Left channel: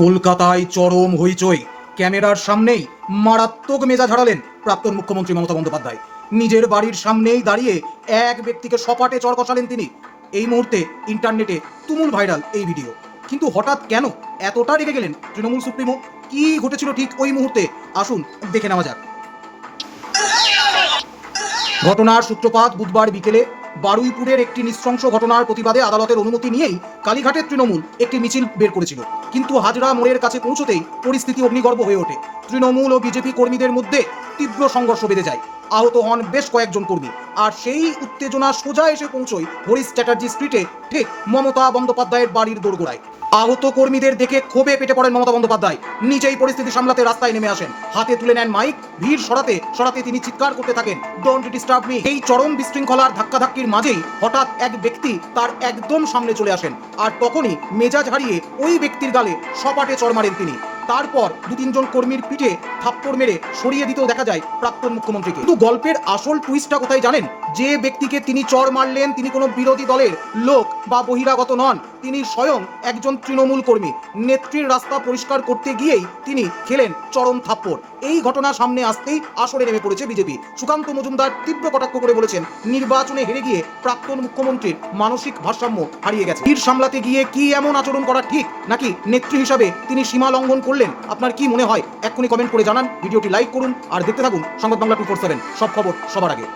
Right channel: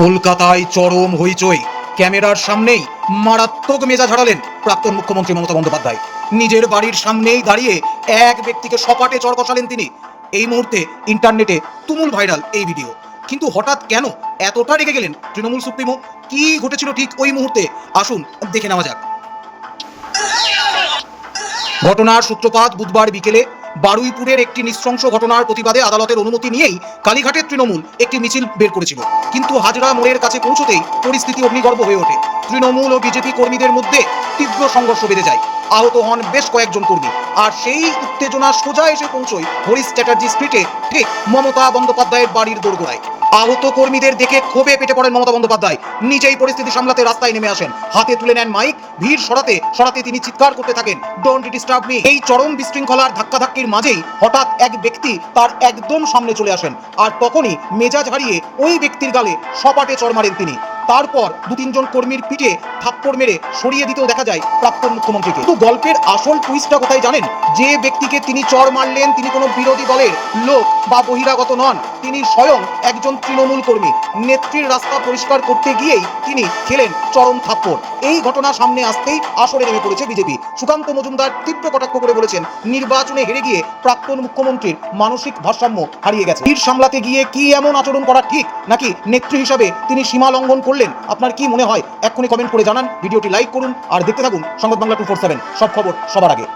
কলকাতায় চরম হইচই। ক্যামেরার সামনেই মারাত্মক মেজাজ হারালেন প্রাক্তন মুখ্যমন্ত্রী মমতা বন্দ্যোপাধ্যায়। নিজের বাড়ির সামনেই দাঁড়িয়ে এক ব্যক্তিকে সপাটে চড় কষালেন তিনি। এই মুহূর্তে ইন্টারনেটে তুমুল ভাইরাল এই ভিডিও। কিন্তু হঠাৎ কেন এতটা রেগে গেলেন তৃণমূল সুপ্রিমো? কি ঘটেছিল ঠিক ওই মুহূর্তে? আসুন দেখে নেওয়া যাক। ঘটনার সূত্রপাত বুধবার বিকেলে বারুইপুরের একটি নৃশংস ঘটনার প্রতিবাদে আদালতের অনুমতি নিয়েই কালীঘাটের তৃণমূল একটি মিছিল বের করেছিল। কিন্তু হাজরা মোড়ের কাছে পৌঁছতেই পরিস্থিতি অগ্নিগর্ভ হয়ে ওঠে। তৃণমূল ও বিজেপি কর্মীদের মধ্যে তীব্র সংঘর্ষ বেড়ে যায়। আহত হন বেশ কয়েকজন কর্মী। আর সেই উত্তেজনা সোজা এসে পৌঁছয় হরিশ চ্যাটার্জি স্ট্রিটে, ঠিক মমতা বন্দ্যোপাধ্যায়ের বাড়ির দোরগোড়ায়। আহত কর্মীদের দেখে ক্ষোভে পেটে পড়েন মমতা বন্দ্যোপাধ্যায়। নিজেই পরিস্থিতি সামলাতে রাস্তায় নেমে আসেন। হাতে তুলে নেন মাইক। ভিড় সরাতে সরাতে তিনি চিৎকার করতে থাকেন, ডোন্ট ডিস্টার্ব মি। এই চরম বিশৃঙ্খলার ধাক্কাধাক্কির মাঝেই হঠাৎ এক ব্যক্তি তার একদম সামনে চলে আসেন। আর তখনই মেজাজ হারিয়ে ওই ব্যক্তির গালে সপাটে চড় মারেন তিনি। তারপর দু তিনজন কর্মীর পিঠে থাপ্পড় মেরে সরিয়ে দিতেও দেখা যায় প্রাক্তন মুখ্যমন্ত্রীকে। কিন্তু গল্পের আসল টুইস্টটা কোথায় জানেন? যে ব্যক্তিকে তিনি চড় মারলেন তিনি কোনো বিরোধী দলের লোক বা বহিরাগত নন। তিনি স্বয়ং একজন তৃণমূল কর্মী। নেত্রীর রাস্তা পরিষ্কার করতে গিয়েই তিনি খেলেন চরম থাপ্পড়। এই ঘটনা সামনে আসতেই আসরে নেমে পড়েছে বিজেপি। সুকান্ত মজুমদার তীব্র কটাক্ষ করে বলেছেন, নির্বাচনে হেরে গিয়ে প্রাক্তন মুখ্যমন্ত্রীর মানসিক ভারসাম্য হারিয়ে গেছে। ভিড় সামলাতে গিয়ে কি এমন আচরণ করা ঠিক, নাকি নেত্রী হিসাবে তিনি সীমা লঙ্ঘন করলেন? আপনার কি মনে হয়? এক্ষুনি কমেন্ট করে জানান। ভিডিওটি লাইক করুন আর দেখতে থাকুন সংবাদ বাংলা 247, সব খবর সবার আগে।